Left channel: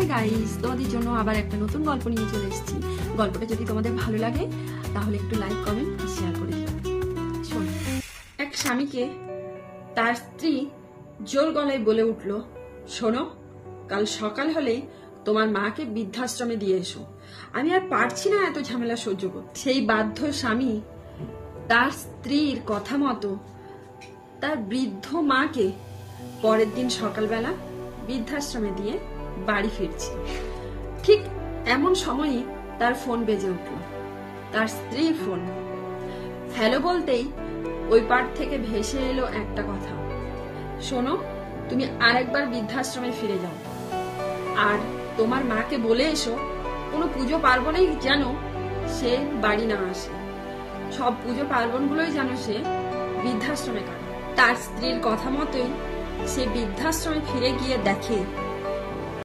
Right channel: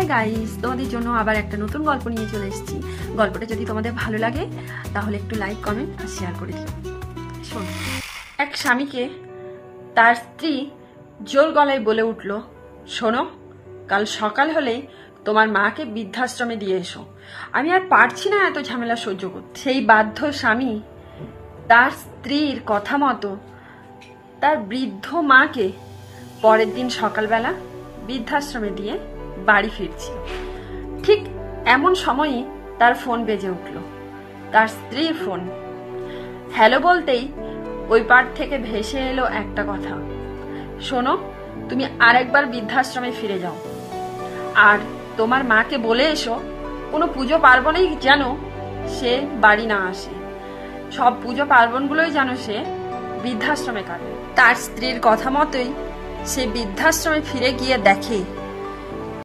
Hi guys, তোমাদের জন্য আবার একটা নতুন গল্প নিয়ে চলে এসেছি। গল্পটা যদি তোমাদের ভালো লাগে তাহলে একটু লাইক, কমেন্ট আর শেয়ার করে দিও। শোন, এক স্বামীকে তার স্ত্রী জোর গলায় বলে উঠল, শোনো, কাল সকাল হলেই তোমার মাকে বৃদ্ধাশ্রমে দিয়ে এসো। আমি আর পারছি না এত ঝামেলা সহ্য করতে। সেই বাধ্য স্বামী তার স্ত্রীর কথা মতো তার বৃদ্ধ মাকে পরের দিন সকালবেলা বৃদ্ধাশ্রমে দিয়ে বাড়ি ফিরছে। ঠিক এমন সময়ই তার ফোন বেজে উঠল, তার স্ত্রীর ফোন। হ্যালো বলতেই ওই পার থেকে ভেসে এলো একটা কথা, শোনো, তুমি আরেকবার বৃদ্ধাশ্রমে ফিরে যাও আর তোমার মাকে বলে এসো কোনো পুজো পার্বণেই যেন সে বাড়ি না আসে, সব পুজো পার্বণগুলোই যেন সে বৃদ্ধাশ্রমে কাটে। তার স্ত্রীর কথা মতোই সে বৃদ্ধাশ্রমে ফিরে গিয়ে দেখে